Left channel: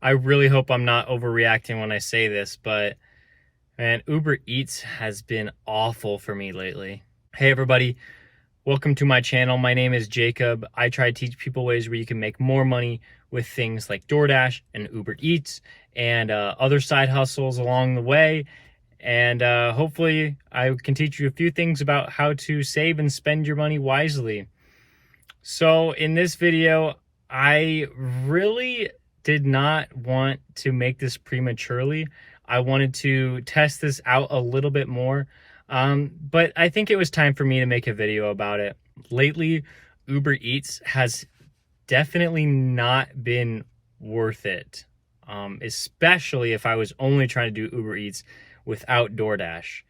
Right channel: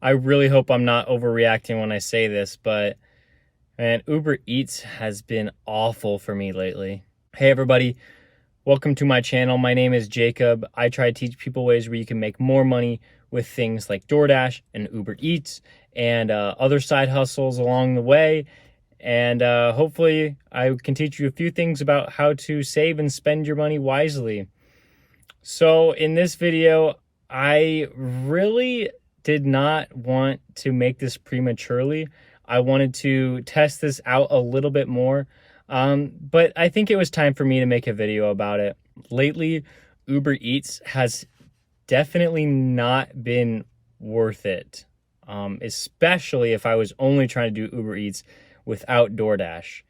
I really hope I'm not overreacting when I say this, but man, Uber Eats has been awful for me lately. Hey everybody, welcome to my channel. My name is Jacob. I try to teach people ways where you can make more money with things like DoorDash and Uber Eats and other side hustles along the way. And hopefully I can teach you a few things about how to save and spend your money wisely. So in this video, I really did not want to make this prematurely. I wanted to test this out a little bit more, but I think it was time for me to make a video about it. Lately, Uber Eats has definitely not been worth it, especially if I was only trying to do Uber Eats without DoorDash.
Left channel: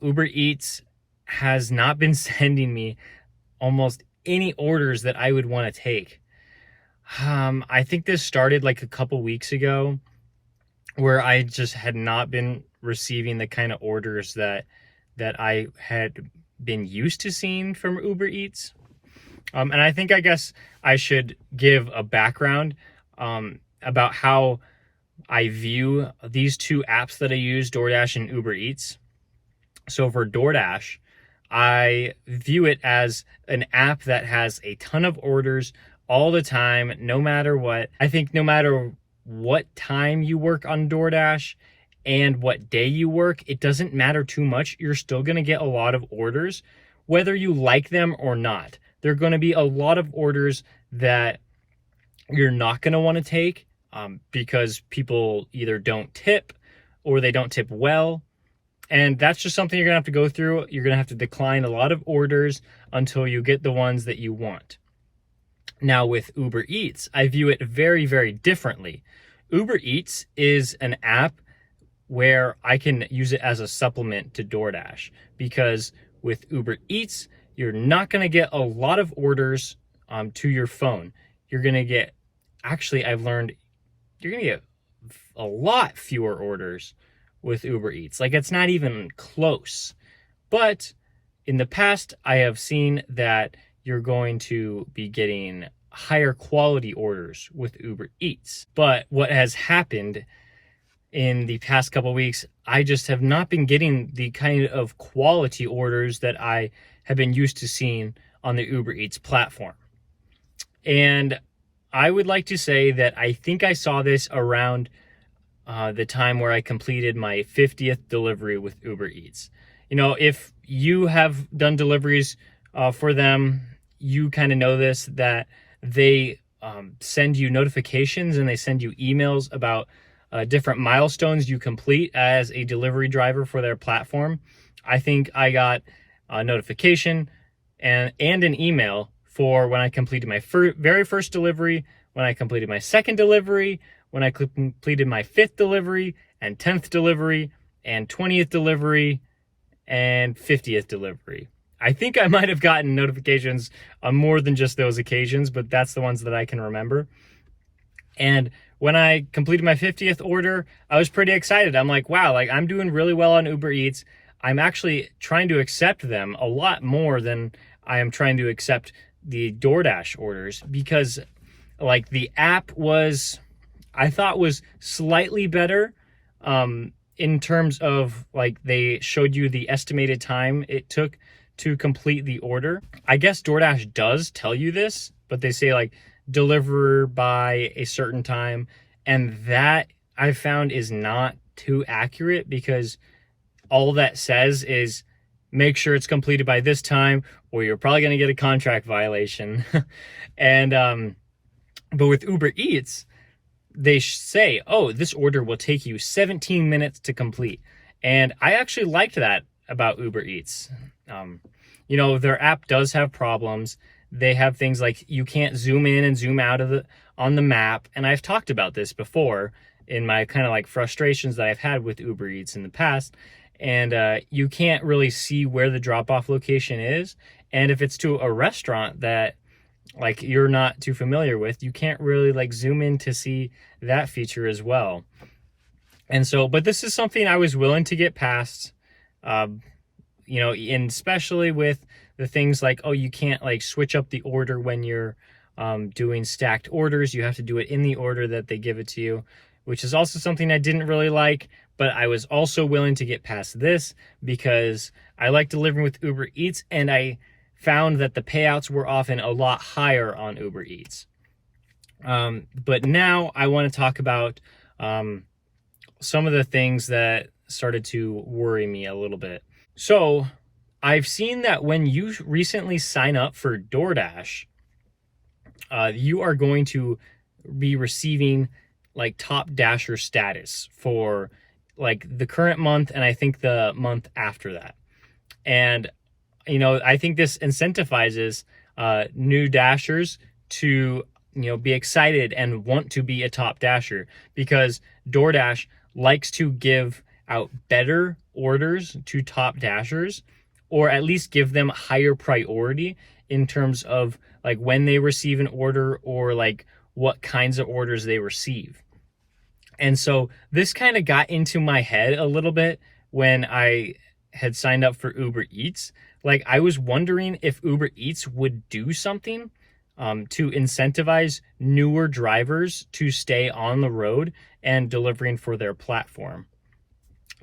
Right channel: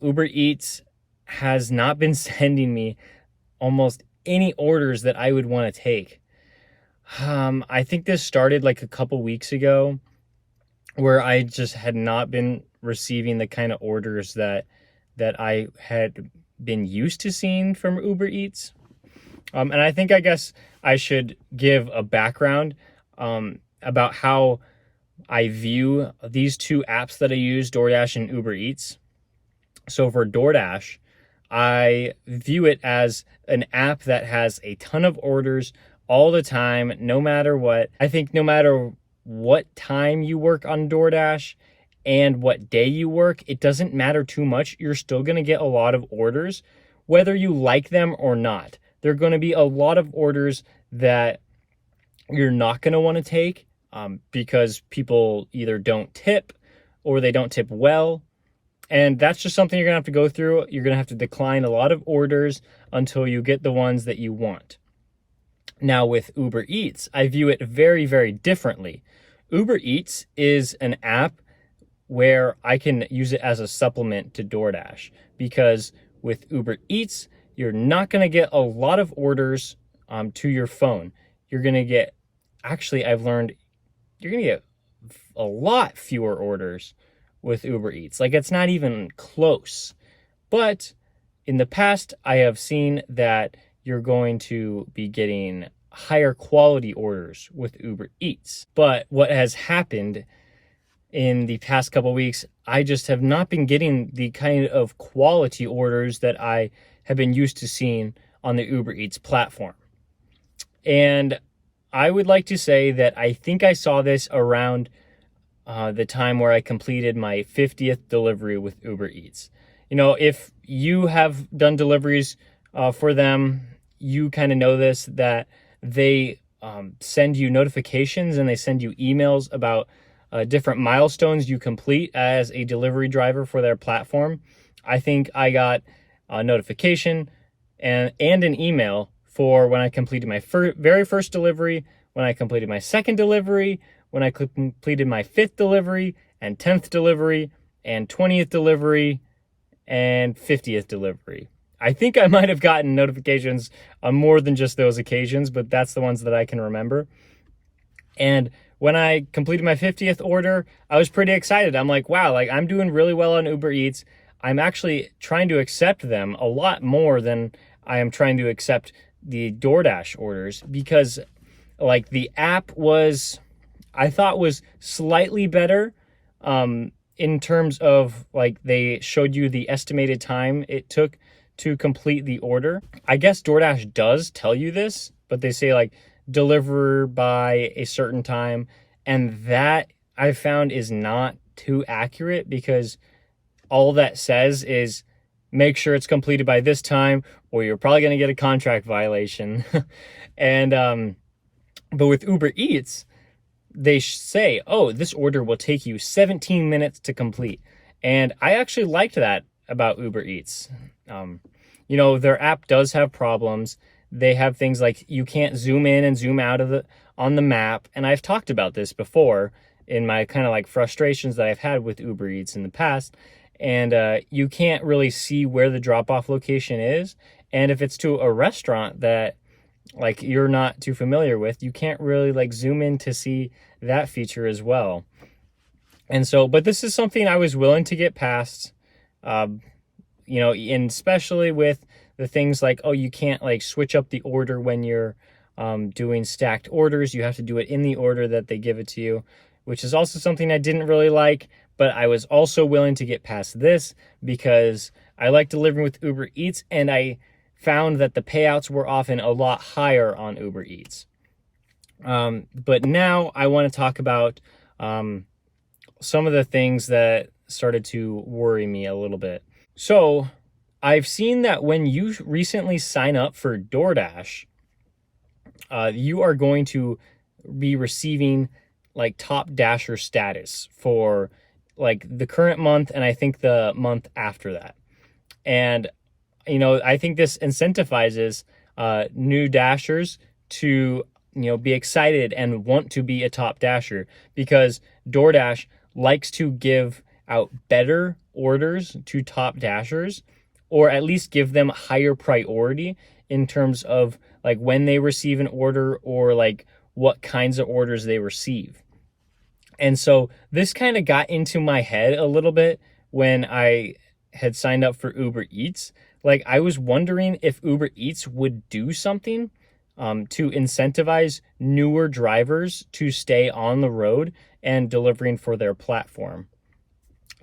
Uber Eats has not been sending me almost any orders that I would want to take. I think this started like a couple weeks ago where I just had not been receiving the kind of orders that I had been used to seeing from Uber Eats. And I guess I should give a background about how I view these two apps that I use, DoorDash and Uber Eats. So for DoorDash, I view it as an app that has a ton of orders all the time, no matter what. I think no matter what time you work on DoorDash and what day you work, it doesn't matter too much. You're still going to get a lot of orders, whether you like them or not. There are going to be a lot of orders that you're not going to want to take because people either don't tip or they don't tip well. And that's just something you're going to have to go through. You're going to have to decline a lot of orders until you get the ones that you want. Now with Uber Eats, I view it very, very differently. Uber Eats is an app where I can use it as a supplement to DoorDash, because with Uber Eats, you're not going to get a lot of orders to your phone. You're going to get, actually, I've learned, you're going to get a lot fewer orders with Uber Eats. Like, it's not even close. But in the past, I have seen that you're going to be getting higher quality orders with Uber Eats. But what has happened in the past couple of weeks, I just have not been getting the kind of quality orders that I have been used to seeing on the Uber Eats platform. And I would like to say that I think I saw this around the time where I completed my 50th delivery with Uber Eats. You know, if you have done deliveries for them, you kind of know this, that they send you notifications and they send you emails about different milestones you complete as a delivery driver for their platform. I think I got a notification and an email for when I completed my very first delivery, when I completed my second delivery, when I completed my 5th delivery and 10th delivery and 20th delivery and 50th delivery. I think I might have gotten notifications on more than just those occasions, but that's the ones that I can remember. And when I completed my 50th order, I was pretty excited. I'm like, wow, like I'm doing really well on Uber Eats. I'm actually trying to accept them a lot more than I am trying to accept the DoorDash orders, because like the app I thought was slightly better in terms of like they showed you the estimated time it took to complete the order. I guess DoorDash does tell you this, but they say like deliver by a certain time, and that I found is not too accurate, because all that says is make sure it's completed by this time or you're probably going to get a contract violation. And but with Uber Eats, they say, oh, this order will take you 17 minutes to complete. And I actually liked that about Uber Eats. You know, their app does have problems. They have things like you can't zoom in and zoom out on the map. And I've talked about this before in my kind of like frustrations that I've had with Uber Eats in the past. And you can't really see where the drop-off location is. And if it's to a restaurant that like you're not too familiar with, you can't really like zoom in to see that feature as well. And so, but this is something I was willing to get past, you know, and especially with the things like, oh, you can't like switch up the order when you're doing stacked orders. You have to do it in the order that they give it to you, which is also something I didn't really like, but I was also willing to get past this because I like delivering with Uber Eats, and I found that the payouts were often a lot higher on Uber Eats. But now I want to talk about some of the things that started to worry me a little bit. So I've seen that when you recently sign up for DoorDash, you are going to be receiving like Top Dasher status for like the current month, and I think the month after that. And, you know, I think this incentivizes new Dashers to, you know, be excited and want to be a Top Dasher, because DoorDash likes to give out better orders to Top Dashers, or at least give them higher priority in terms of like when they receive an order or like what kinds of orders they receive. And so this kind of got into my head a little bit when I had signed up for Uber Eats. Like, I was wondering if Uber Eats would do something to incentivize newer drivers to stay on the road and delivering for their platform.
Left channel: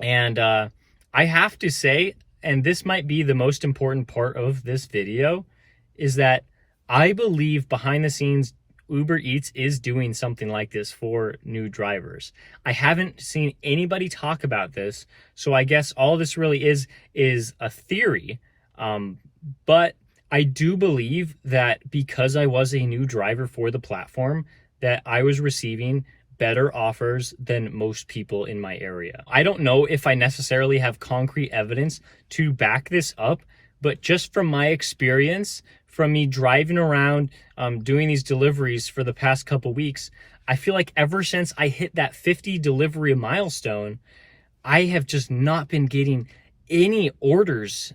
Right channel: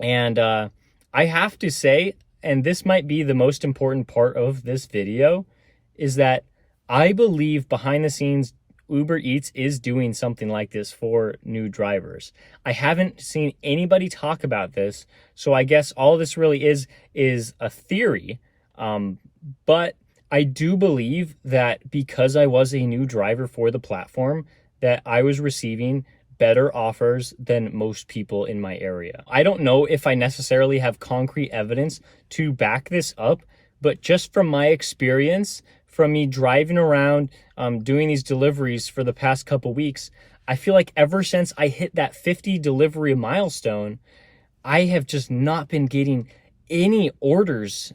And I have to say, and this might be the most important part of this video, is that I believe behind the scenes, Uber Eats is doing something like this for new drivers. I haven't seen anybody talk about this, so I guess all this really is a theory. But I do believe that because I was a new driver for the platform, that I was receiving better offers than most people in my area. I don't know if I necessarily have concrete evidence to back this up, but just from my experience, from me driving around, doing these deliveries for the past couple weeks, I feel like ever since I hit that 50 delivery milestone, I have just not been getting any orders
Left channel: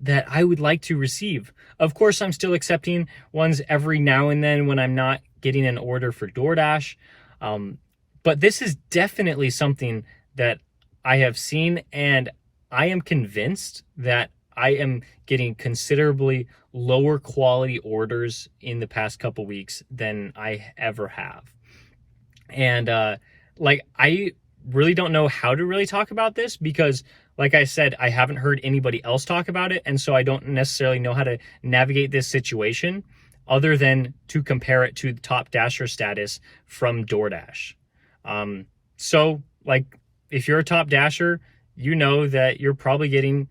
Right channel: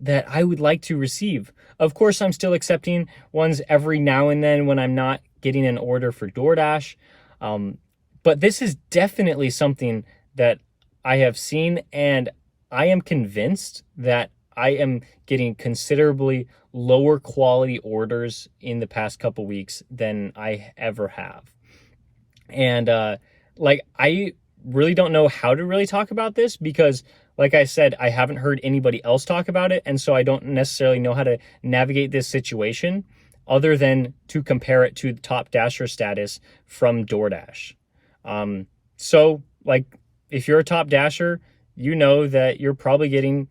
that I would like to receive. Of course, I'm still accepting ones every now and then when I'm not getting an order for DoorDash. But this is definitely something that I have seen, and I am convinced that I am getting considerably lower quality orders in the past couple weeks than I ever have. And like, I really don't know how to really talk about this because, like I said, I haven't heard anybody else talk about it, and so I don't necessarily know how to navigate this situation other than to compare it to the Top Dasher status from DoorDash. So, like, if you're a Top Dasher, you know that you're probably getting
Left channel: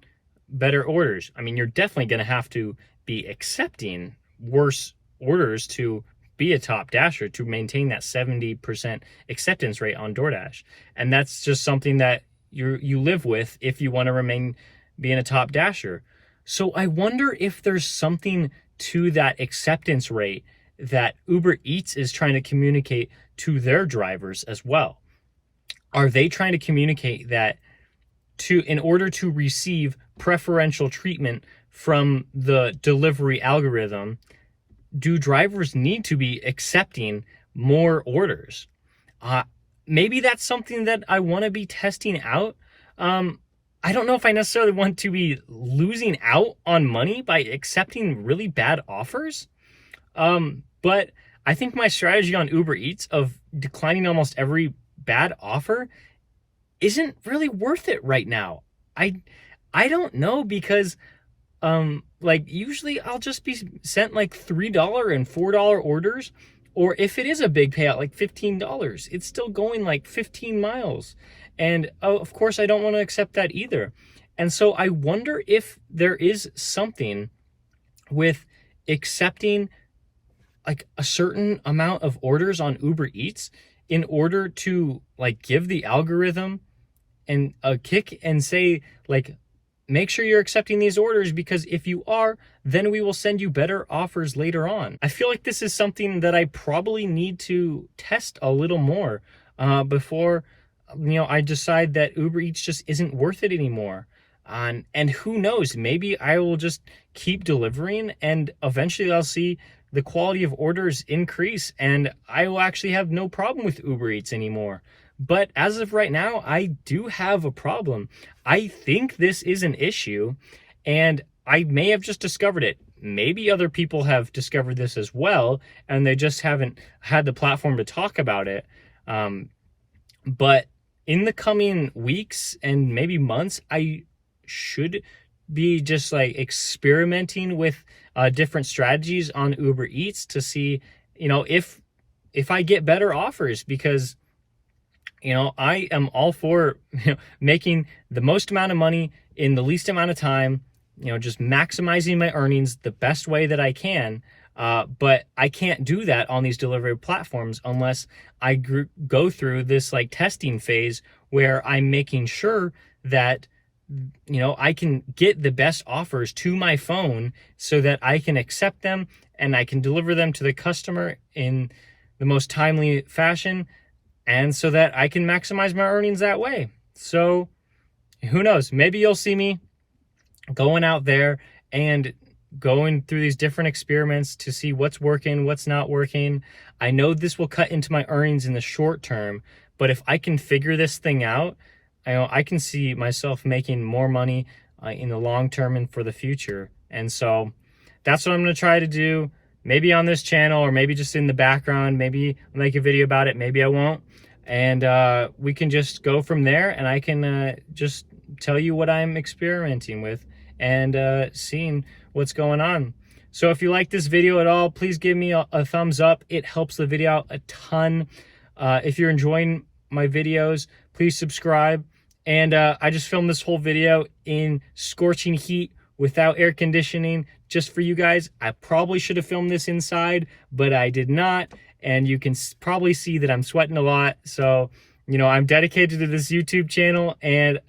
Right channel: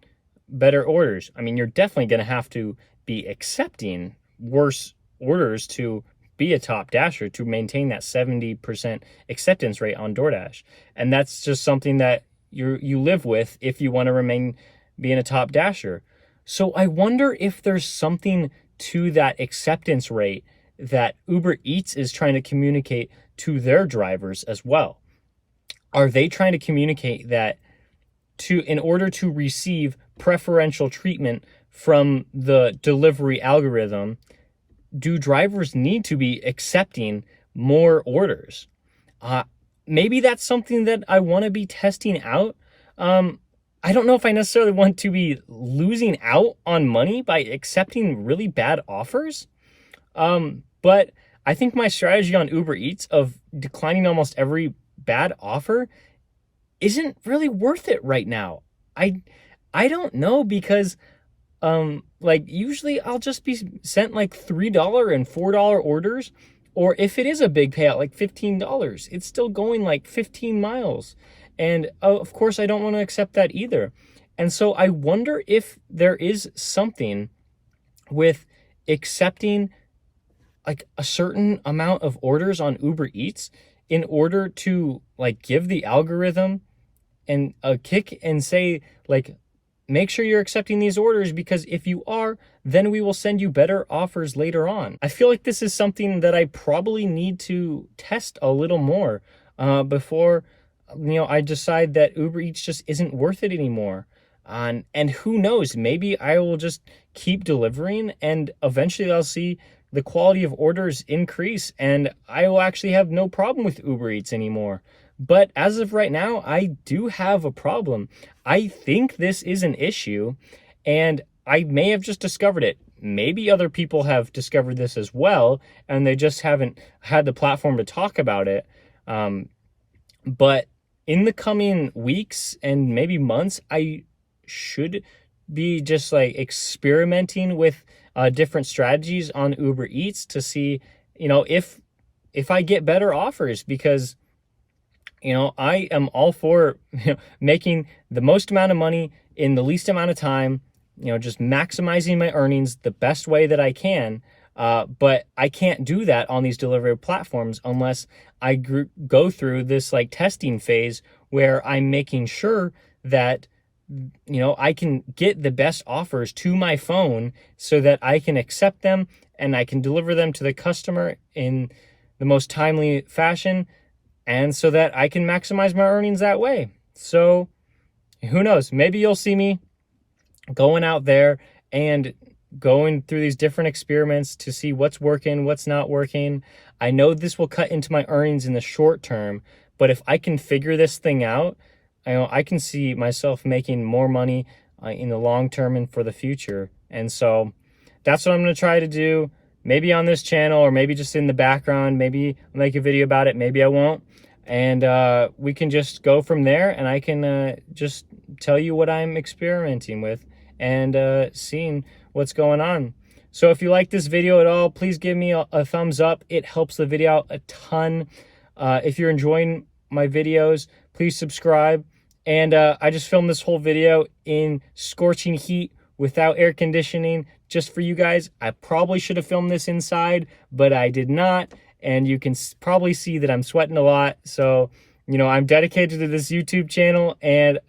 better orders. I mean, you're definitely going to have to be accepting worse orders to be a Top Dasher, to maintain that 70% acceptance rate on DoorDash. And that's just something that you live with if you want to remain being a Top Dasher. So I wonder if there's something to that acceptance rate that Uber Eats is trying to communicate to their drivers as well. Are they trying to communicate that in order to receive preferential treatment from the delivery algorithm, do drivers need to be accepting more orders? Maybe that's something that I want to be testing out. I don't know if I necessarily want to be losing out on money by accepting really bad offers. But I think my strategy on Uber Eats of declining almost every bad offer isn't really worth it right now. I don't know, because like, usually I'll just be sent like $3 and $4 orders, or if it is a big payout, like $15, it's still going like 15 miles. And of course, I don't want to accept that either. And so I wonder if there is something with accepting like a certain amount of orders on Uber Eats in order to like give the algorithm and a kick and say, like, make sure you're accepting these orders, because if you are, then we will send you better offers later on. I feel like this is something that I probably need to test a little more before, you know, I decide that Uber Eats just isn't worth it anymore. And who knows, maybe I will just keep delivering and eventually I'll see the quality of orders increase and I will actually have no problem with Uber Eats anymore. But as of right now, I do have a problem. I think this is an issue, and I may have just discovered it. maybe other people have discovered this as well, and they just haven't had the platform to talk about it. But in the coming weeks and maybe months, I should be just like experimenting with different strategies on Uber Eats to see, if I get better offers, because I am all for making the most amount of money in the least amount of time, just maximizing my earnings the best way that I can. But I can't do that on these delivery platforms unless I go through this like testing phase where I'm making sure that I can get the best offers to my phone so that I can accept them and I can deliver them to the customer in the most timely fashion, and so that I can maximize my earnings that way. So who knows? Maybe you'll see me going out there and going through these different experiments to see what's working, what's not working. I know this will cut into my earnings in the short term, but if I can figure this thing out, I can see myself making more money in the long term and for the future. And so that's what I'm going to try to do. Maybe on this channel, or maybe just in the background. Maybe I'll make a video about it. Maybe I won't. And we can just go from there, and I can just tell you what I'm experimenting with and seeing what's going on. So if you like this video at all, please give me a thumbs up. It helps the video out a ton. If you're enjoying my videos, please subscribe. And I just filmed this whole video in scorching heat without air conditioning just for you guys. I probably should have filmed this inside, but I did not. And you can probably see that I'm sweating a lot. So, I'm dedicated to this YouTube channel, and,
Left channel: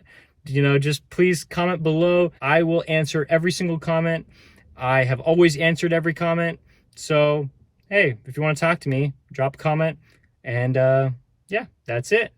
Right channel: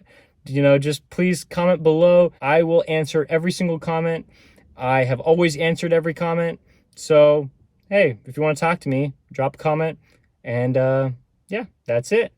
just please comment below. I will answer every single comment. I have always answered every comment. So, hey, if you want to talk to me, drop a comment. And yeah, that's it.